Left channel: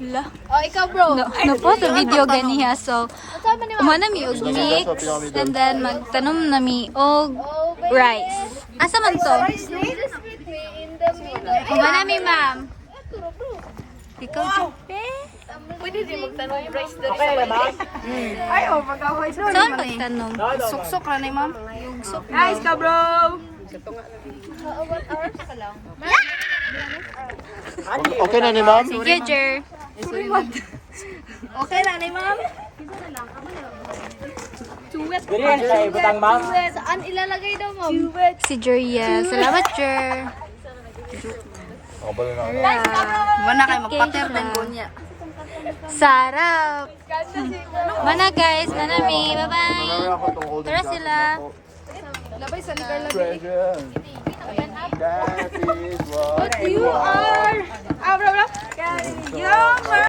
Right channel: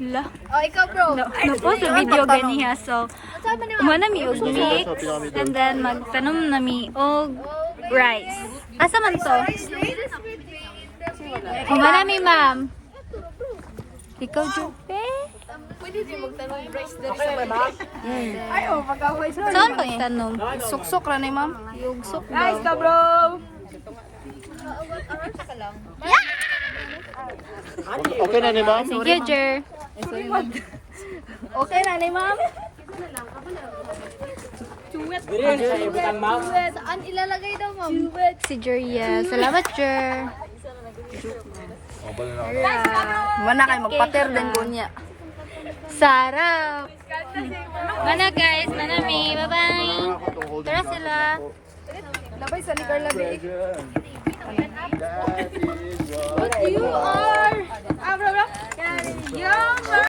La. Oh, ikaw bro. No po sa video ganiha. So, umana mi og mix and then magtanom na mi og rice. Asa man to? Umana mi ma'am. Ikaw Jupe? Pwede din magtanong rice dito sa baba. Ay, oh, pag-away doon. Saan pagtanom? Suksok lang ni ma'am. Yugsok Nice daw. ka, bro. Okay na ni ma'am? Sige, Jer. Okay na ni ma'am. Saan ilalagay daw, ma'am? Si Jeria. Salamat, Jer. Wala kayo magpater din po niya. Sarap. Mana guys, manami. Bye-bye. Tara sila. Labay sa ligar labay. You are. Ah, bro, bro. You